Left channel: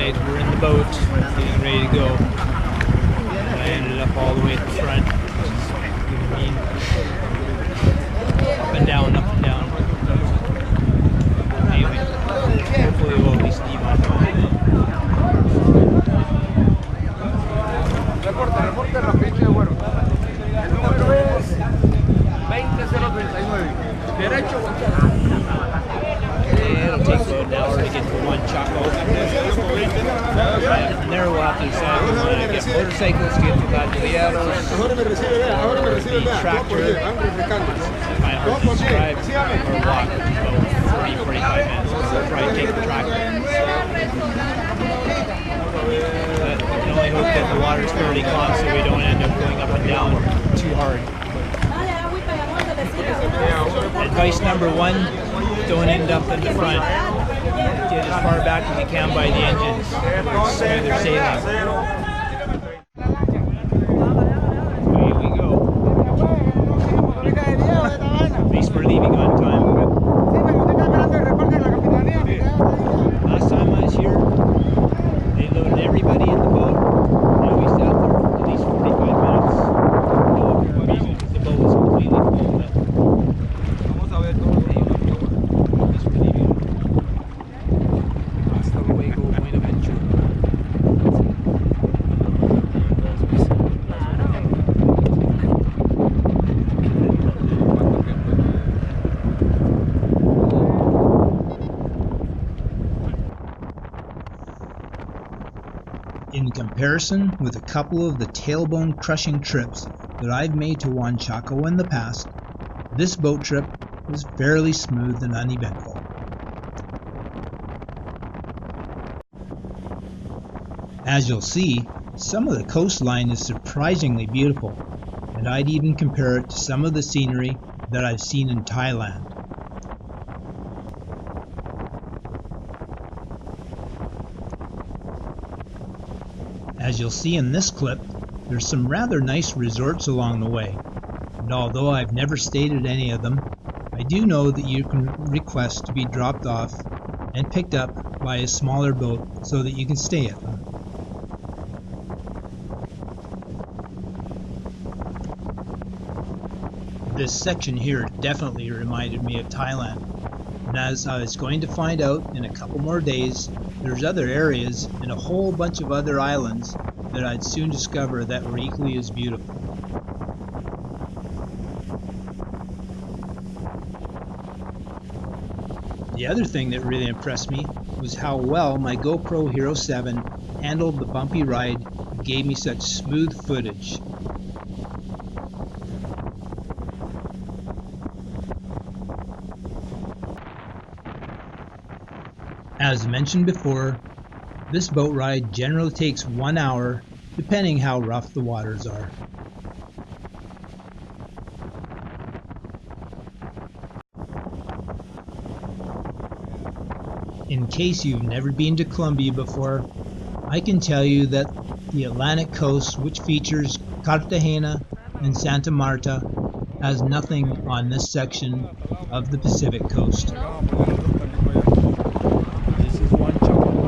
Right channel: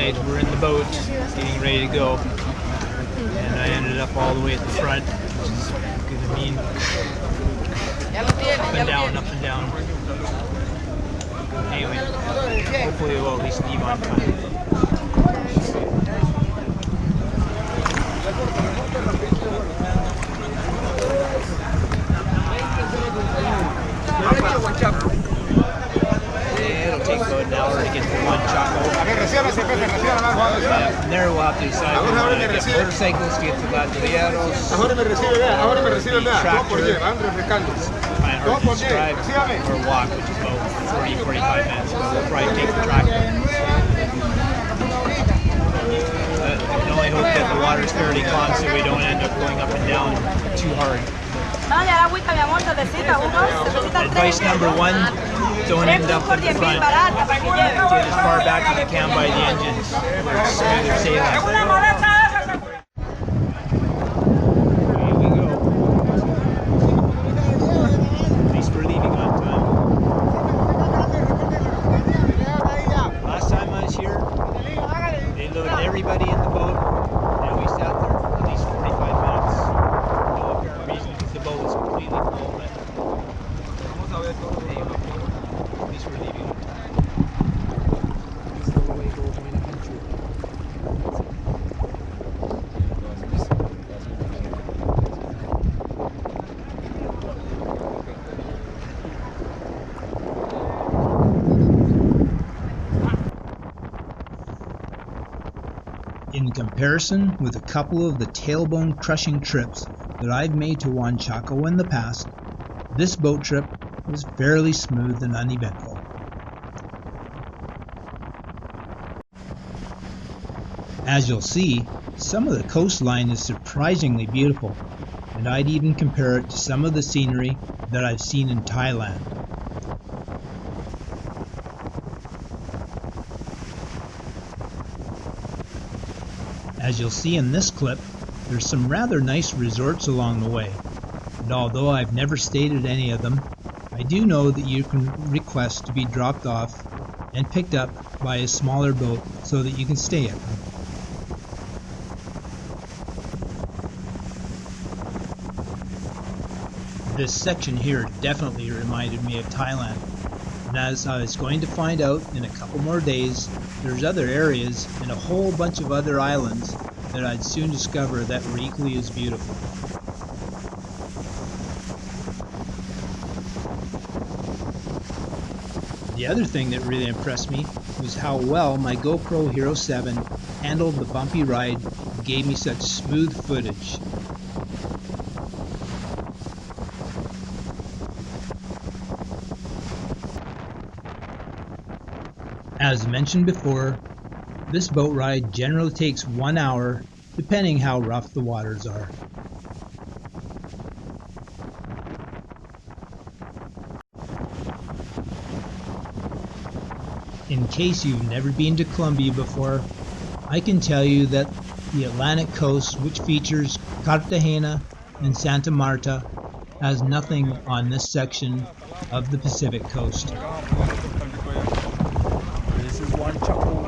Alright, we're in the boat, getting ready to go. And I ended up all the way at the front, which is gonna mean up and down, up and down. Anyway, hopefully we'll at least leave on time. It'll take about an hour to get to Juanchaco. From there we'll have to decide if we want to get motorcycles to get to Ladrilleros, the tractor, kind of hard to describe, or walk, which is about 40-45 minutes. We'll probably take the tractor. But we can only hope that the water's fairly calm so we don't end up going up and down too hard. Advice number one, don't end up in the front. Get as far back as you can by the engines. Smoother sailing. Away we go. At least we're leaving on time. Last time I was here, they loaded everybody in the boat, and we sat there for at least 45 minutes. No apparent reason because the boat was completely full, but anyway, at least we're leaving on time. Hasta luego, Buenaventura. In comparison with a couple of the tailbone crushing trips that I've made to Juanchaco in the past, this boat trip was fairly smooth and uneventful. As you'll see, some of the coastline is surprisingly beautiful, and I'd even compare it to some of the scenery that I've seen in Thailand. As you'll see in this clip, there's some rather nice resorts along the way, and although I've never stayed at any of them, I do know that you can request to be dropped off and picked up by a smaller boat so that you can stay at them. This section here definitely reminded me of Thailand, and as I was going to find out in a couple more days, there's other areas and a whole bunch of other islands that I'd soon discover that were equally as beautiful. The other thing that really impressed me was how well my GoPro Hero 7 handled the bumpy ride and gave me such smooth footage. As mentioned before, this boat ride generally takes 1 hour, depending how rough the waters are. In case you've never been to Colombia before, I can tell you that the Atlantic coast, which features Cartagena and Santa Marta, has nothing on this section of the Pacific coast. This is Juanchaco.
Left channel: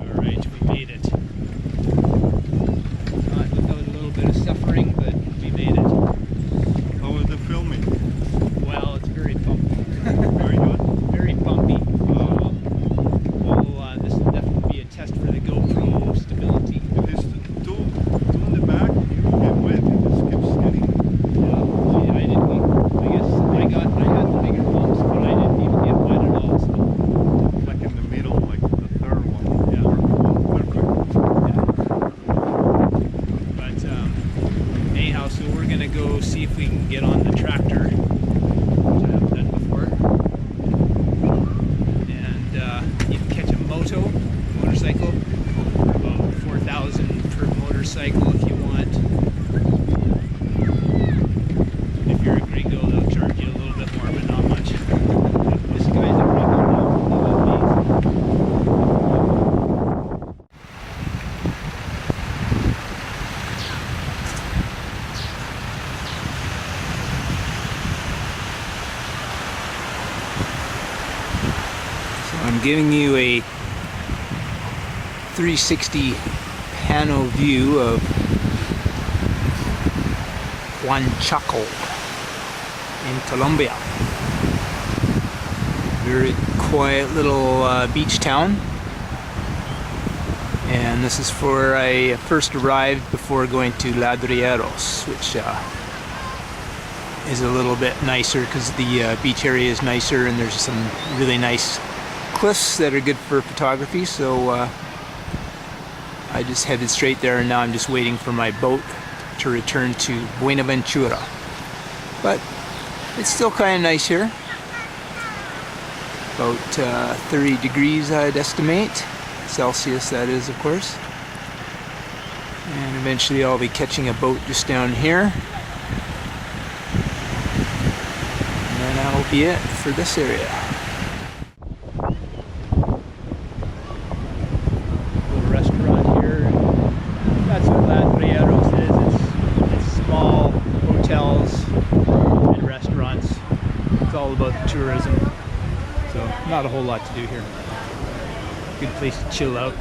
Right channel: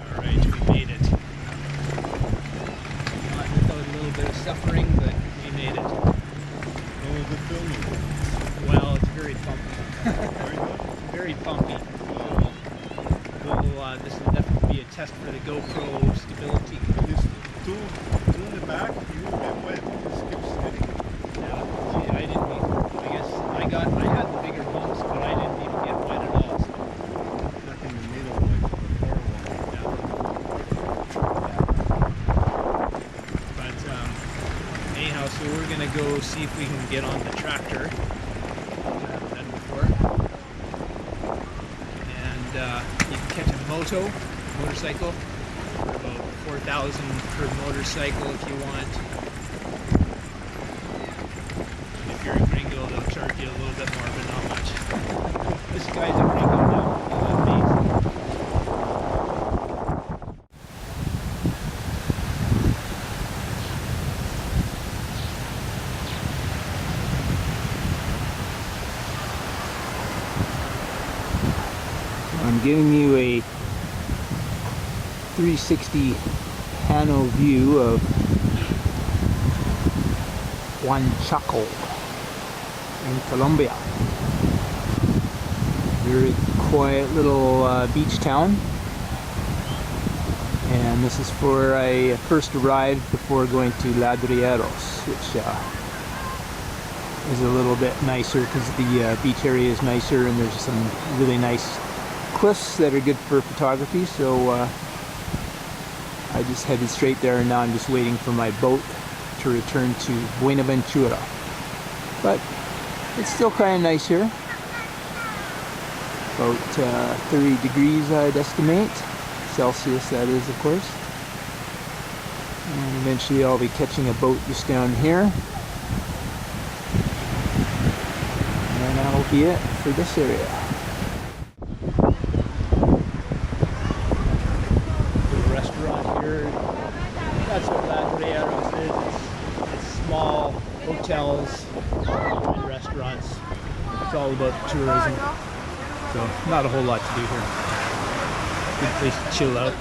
Alright, we made it. Not without a little bit of suffering, but we made it. How was the filming? Well, it's very bumpy. Very good? It's very bumpy. This will definitely be a test for the GoPro stability. This two in the back, you get wet. It just keeps getting. Yeah, see, I had the bigger bumps, but I didn't even get wet at all. So. Like in the middle, like the third one. Yeah. Perfect. Yeah. But anyhow, so we're gonna go see if we can get on the tractor, which I haven't done before. And you can catch a motorcycle for about $4 4,000 per motorcycle if you want. If you're a gringo, they'll charge you a little bit more, but not much. This guy's a gringo now. He with me. So I'm giving you a 360 panel view of Juanchaco in Colombia. Very quiet little beach town, and this is where I first arrived before going to Ladrilleros, which is a little bit nicer because the beach area is nicer and there's some really nice cliffs that are good for photography. So I just headed straight there, and now I'm just waiting for my boat to return to Buenaventura. But it's still kind of nice here. About 30 degrees I'd estimate. Celsius, that is, of course. And eventually I'll be catching a boat just down here. And then that'll be it for this area. Little restaurant here. That's what Ladrilleros is. It's small hotels and restaurants. It's all about tourism. So not a whole lot to do here. Good place to chill out.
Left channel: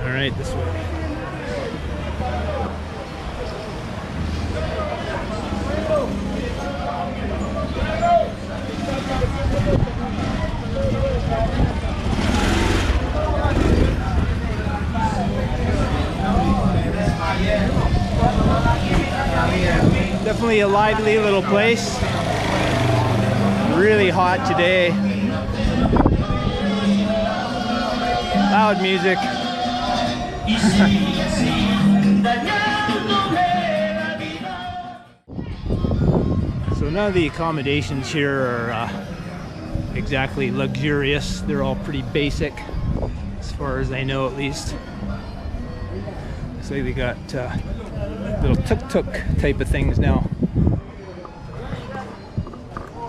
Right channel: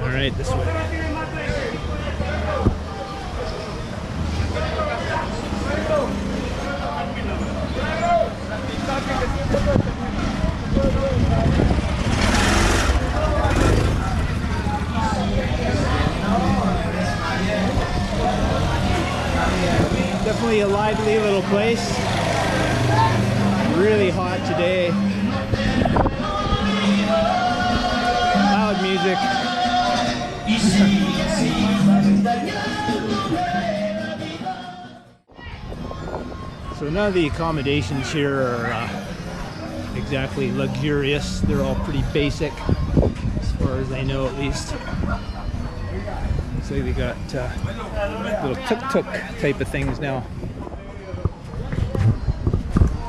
All right, this way. Definitely a lively little place. Really hot today. Loud music. So none of the accommodations here are exactly luxurious. They're all pretty basic, as far as I know, at least. Looks like they got little tuk-tuk type of things now.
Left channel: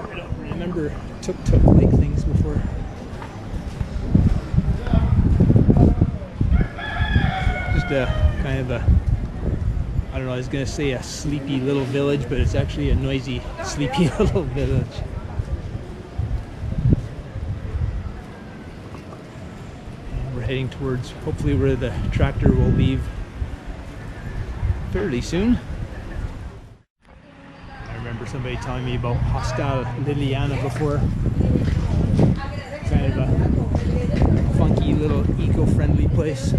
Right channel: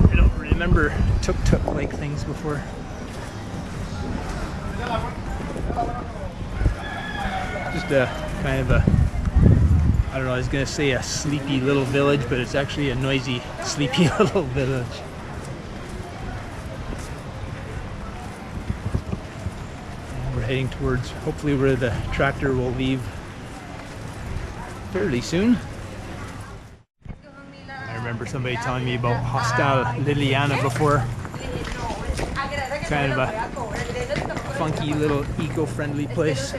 I don't remember tuk-tuk like things before. Just a kind of a, I don't know, I was gonna say a sleepy little village, but it's actually a noisy, sleepy little village. And we're heading towards, hopefully, where the tractor will leave fairly soon. I remember somebody telling me about Hostel Liliana before. Kind of a funky little eco-friendly place.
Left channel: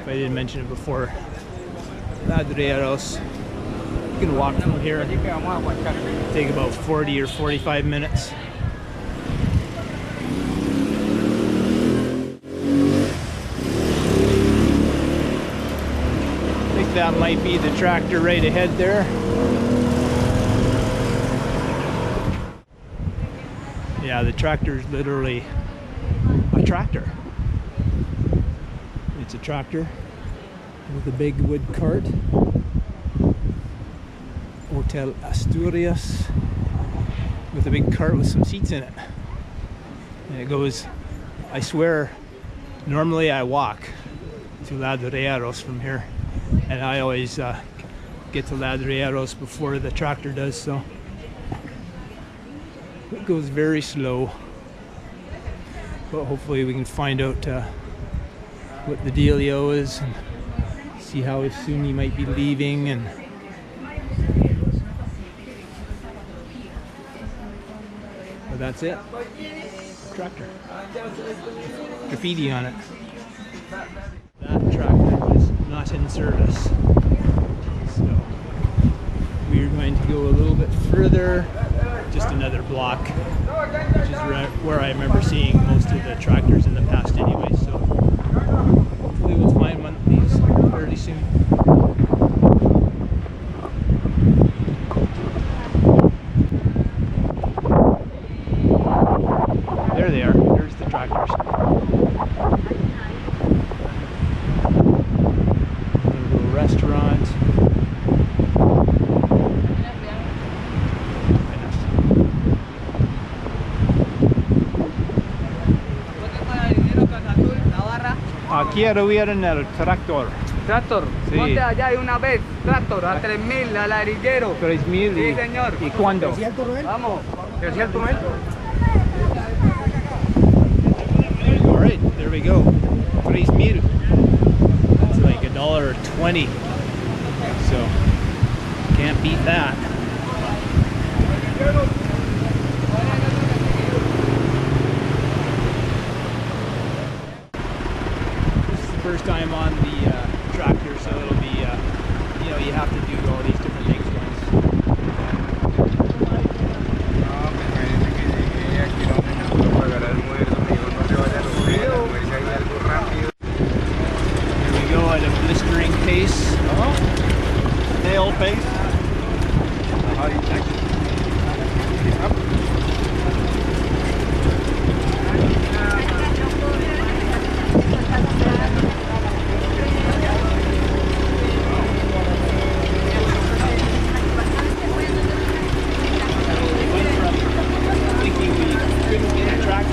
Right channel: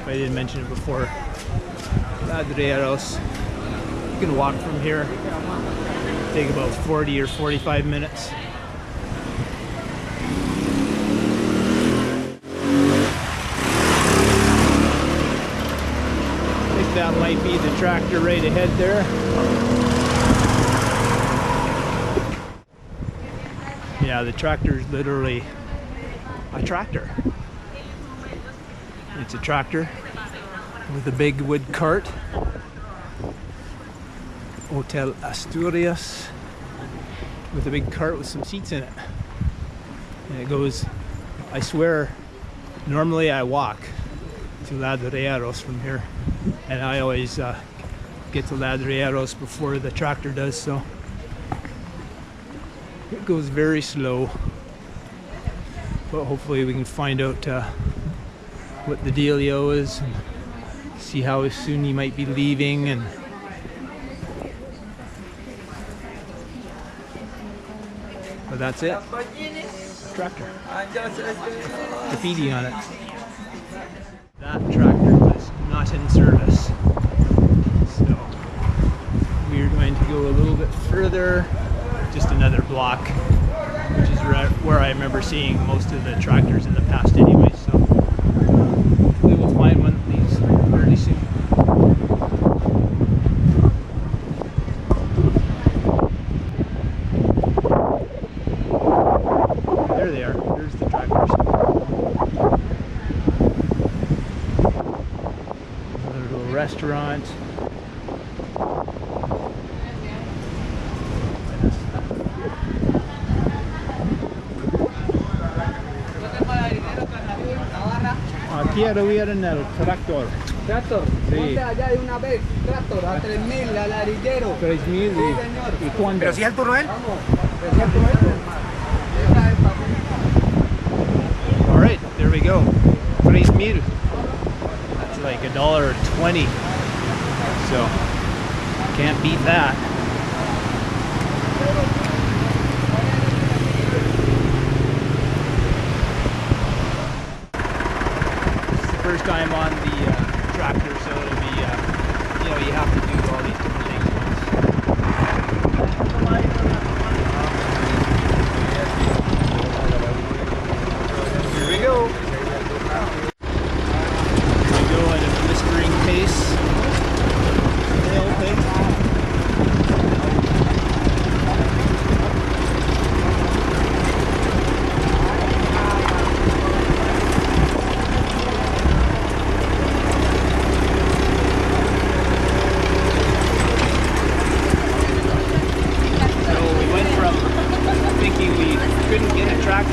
If I didn't mention it before, Ladrilleros, you can walk from here. Take about 40 or 45 minutes. That might be the tractor right ahead there. Yeah, the tractor is literally a tractor. It's a tractor with a big wood cart. Hotel Asturias with a big cart with some seats in it. And it goes, I swear, normally I walk to Ladrilleros from here. And I always get to Ladrilleros before the tractor does, so it goes very slow. But hopefully we can find out what the dealio is and see how soon he might be leaving. And but that's it. Tractor. Graffiti on it. That tractor was not in service, so we're going to go a little bit further, just another block, which is where I remember seeing most of the tractors in the past anyway, so hopefully we'll find one that leaves fairly soon. Quiero ir en el tractor. Tractor, Sí. ponte allá de una vez, tractor, a 3.000, a Ladrilleros. 3,000 Sí, señor. ¿Y cuándo? ¿Pero si es el Turroel? Vamos. ¿Pero si es el Turroel? All right, there we go. 3,000. That's like $1.20. So can't beat that. This is the first time on the tractor, so it'll be, you know, you have to do all these different things once. Here we go. Here we go at a blistering pace. Snail pace.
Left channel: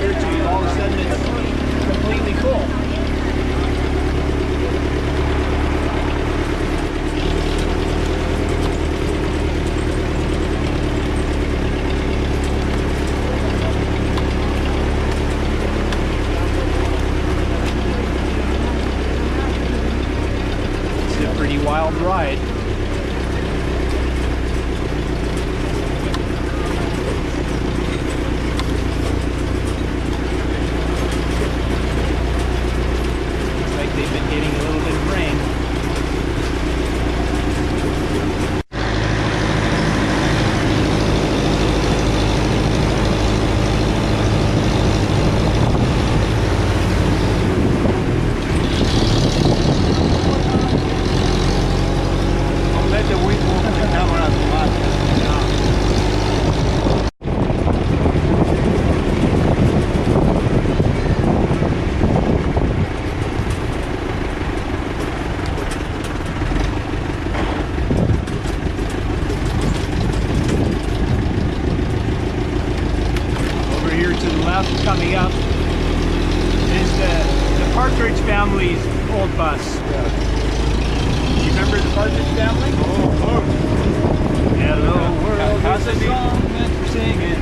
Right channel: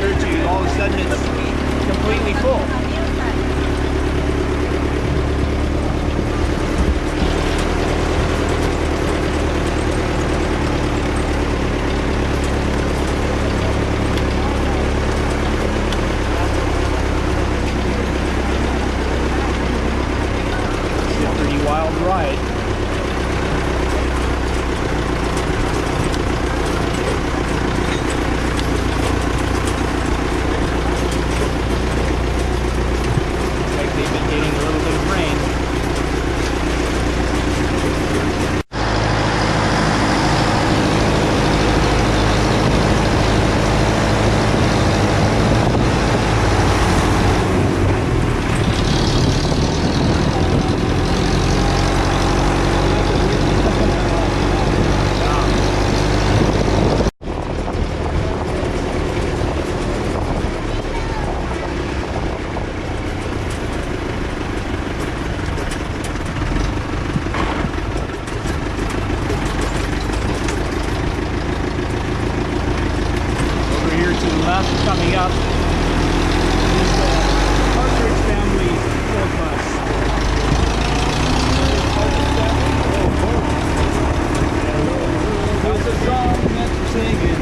To all of a sudden it's completely full. It's a pretty wild ride. Getting a little bit of rain. Coming up is the Partridge family's old bus. Remember the Partridge family? Oh, of course. Hello world, how's the song that we're singing?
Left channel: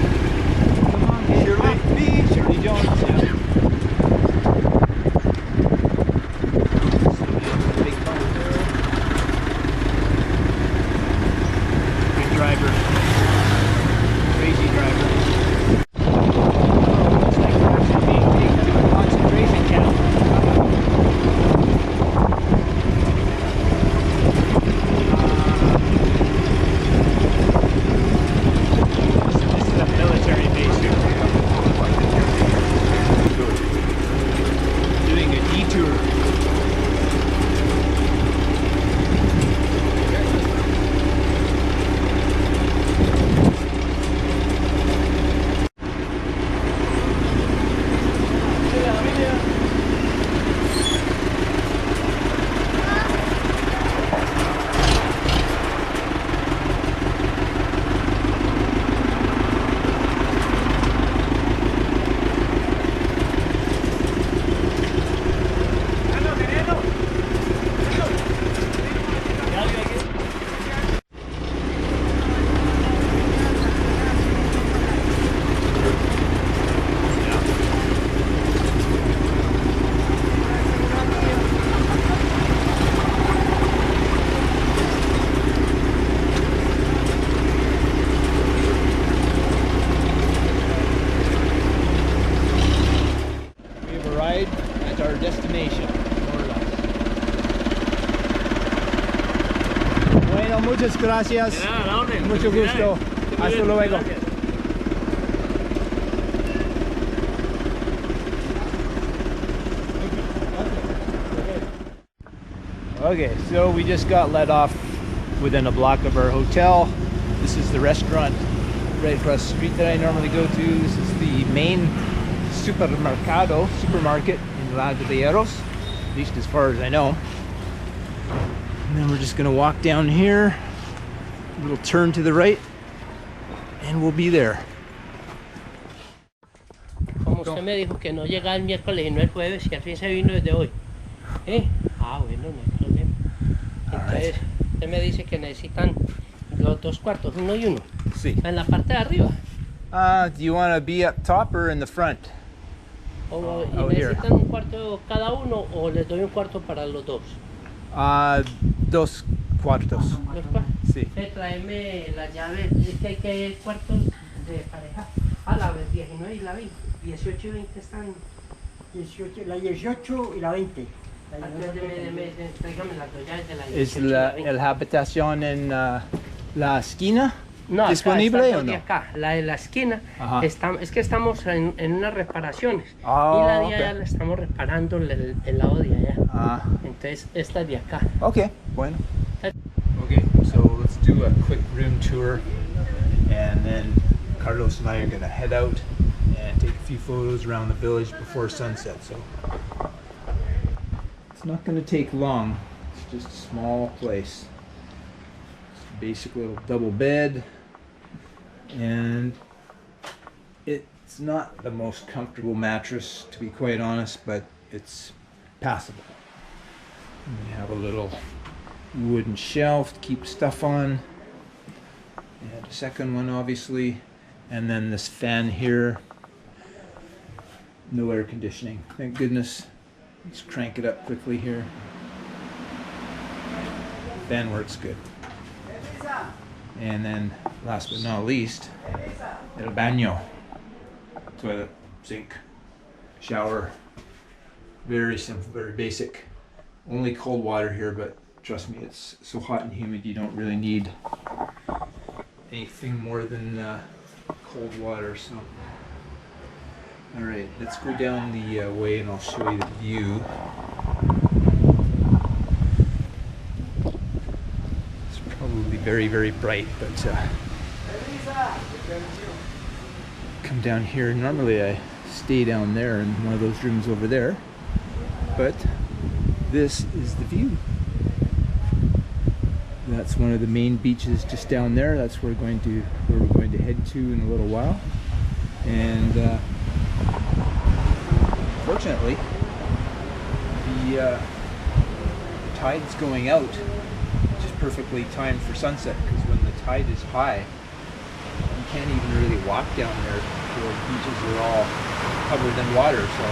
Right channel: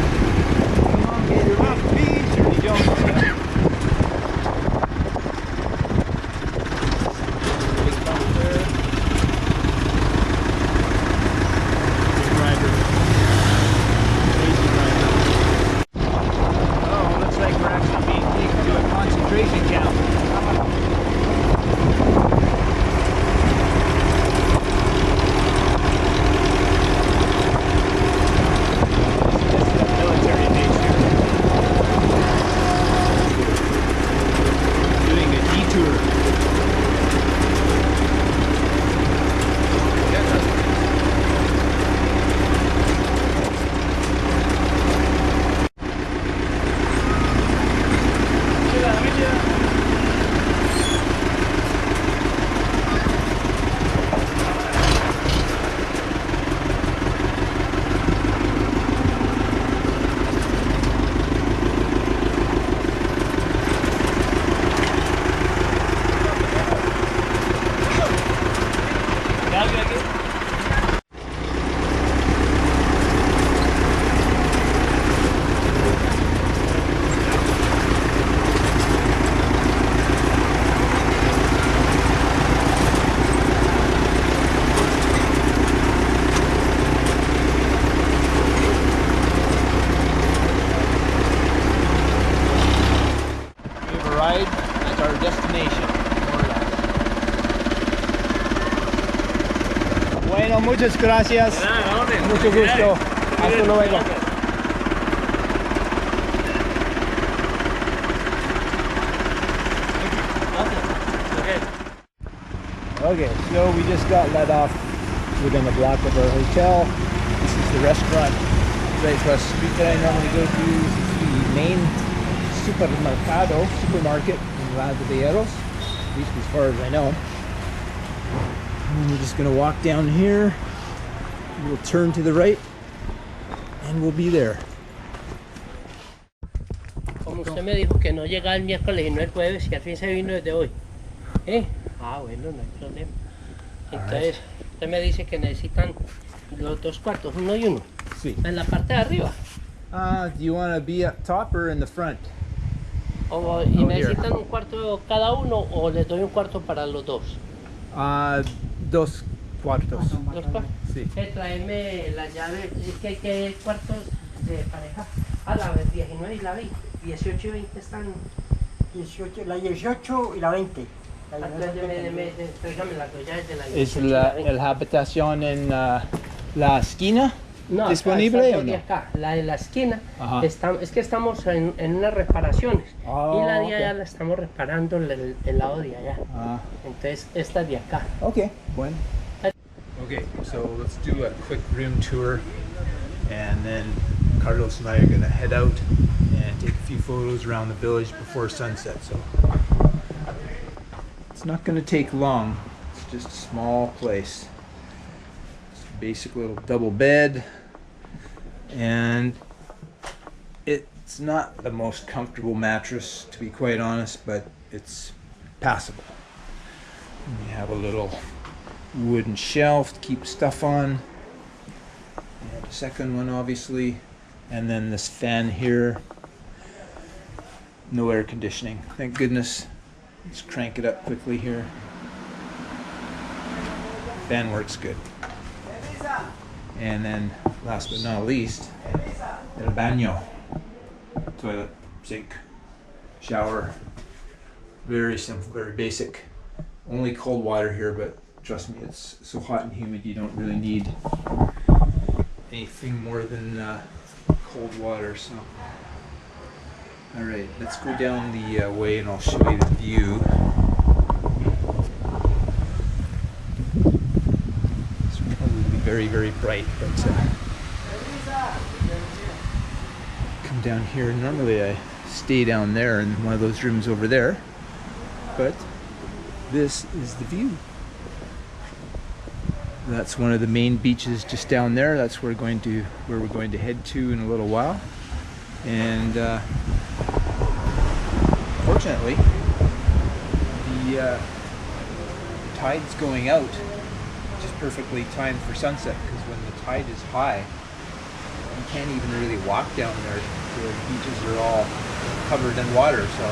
Come on, get your beat, Shirley Jones, yeah. Big bump there. Good driver. Crazy driver. Looks like we're actually being taken to a concentration camp. This is a military base here. Doing a detour. At our destination, more or less. Bueno, muchas gracias. Mucho gusto. Hasta luego. Okay, so we just got let off within a block of our hotel. This is the restaurant right across the street that I normally go to. This is the main supermarket in Ladrilleros, at least as far as I know. And then we're just gonna walk down here, a little turn to the right, and we'll be there. Como usted me dijo que no llegaba el miércoles y no el jueves, y al fin se vino desde hoy. ¿Eh? Ah, bueno, no hay problema. Entonces, usted me dice que necesitan los 2 cuartos, uno y uno. Sí. En la parte de arriba. Do you want to be up top or in the front? O, ¿y Oh, here. necesitan un cuarto cada uno o les doy un cuarto para los dos? 2 cuartos. ¿Dos cuartos? Sí. Tráeme la llave, es que hay que cuartos de pareja. A la 19 y la 20. 18 y 20 están. 18, la 18 y la 20. Tráigame las dos llaves de la 18 ¿Es y la la 20. el habitación en la esquina No, acá, disponible esta o no? de acá, la de la esquina, Ajá. es que estamos en unas reparaciones Oh, y la de okay. allá la estamos reparando el lado de allá. Ah, Entonces esta de acá. okay, bueno. Okay, so let's do a quick room tour, and then Carlos and I are gonna head out and take a few photos around the village before sunset. So it's not gonna take long. It's just a small place. Just a basic little double bed, and it's not the most comfortable mattress, to be quite honest, but it's passable. We have a little wooden shelf to keep stuff on, and a second one obviously, and then this fan here. No air conditioning, thank goodness. Let's crank it up quickly here. Fan works good. And then last but not least, el baño. Toilet, sink, shower. Very simple, very basic. Only cold water here, but trust me, it's so hot and humid you don't really need anything more than cold water. So, all right, let's go down the way and I'll show you the view. It's probably very, very bright, but come down here. Normally I stay down there in one of those rooms over there, but this is the view. That's one of the main beaches just down there. That's where we're going to head to in a little while. And fortunately, the tide's going out, which is perfectly timed for sunset, because when the tide is high, you can't even really walk down there. The beaches are all covered in water, so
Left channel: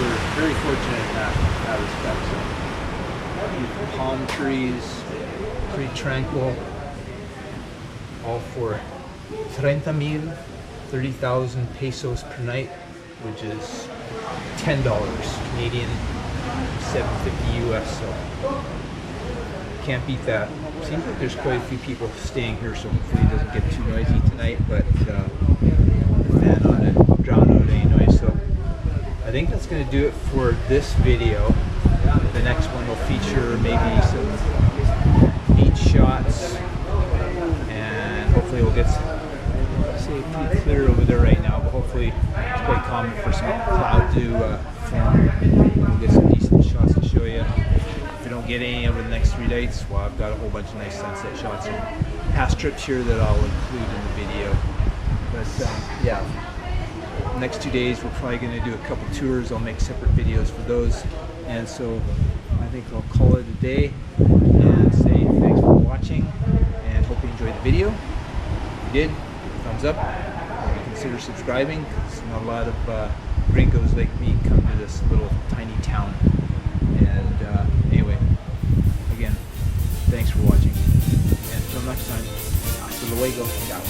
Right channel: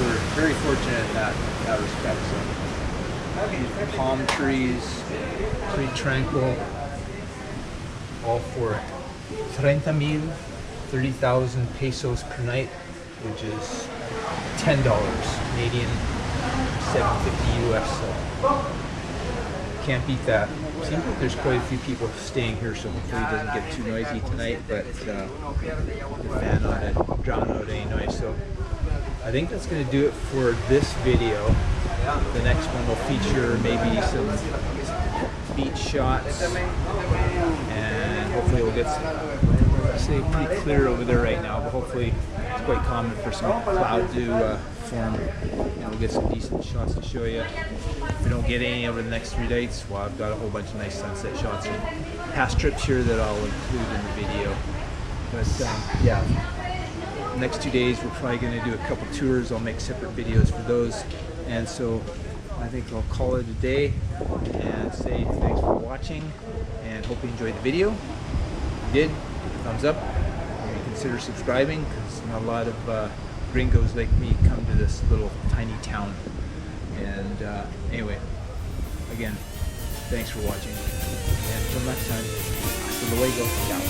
we're very fortunate in that respect. So, palm trees, pretty tranquil, all for 30,000 pesos per night, which is $10 Canadian, $7.50 US. So can't beat that. Seems like there's quite a few people staying here, so hopefully it doesn't get too noisy tonight, but the fan on it will drown out any noise. So I think that's going to do it for this video. The next one will feature maybe some beach shots, and hopefully we'll get pretty clear over there right now, but hopefully it's quite common for some cloud to form, and we'll get some decent shots to show you. If we don't get any over the next 3 nights, well, I've got a whole bunch of nice sunset shots and past trips here that I'll include in the video. But yeah, the next 2 days we're probably going to do a couple tours. I'll make separate videos for those, and so I think I'll call it a day and say thanks for watching and hope you enjoyed the video. If you did, thumbs up. Maybe consider subscribing, because not a lot of gringos like me come to this little tiny town. And anyway, again, thanks for watching, and until next time, hasta luego, ciao.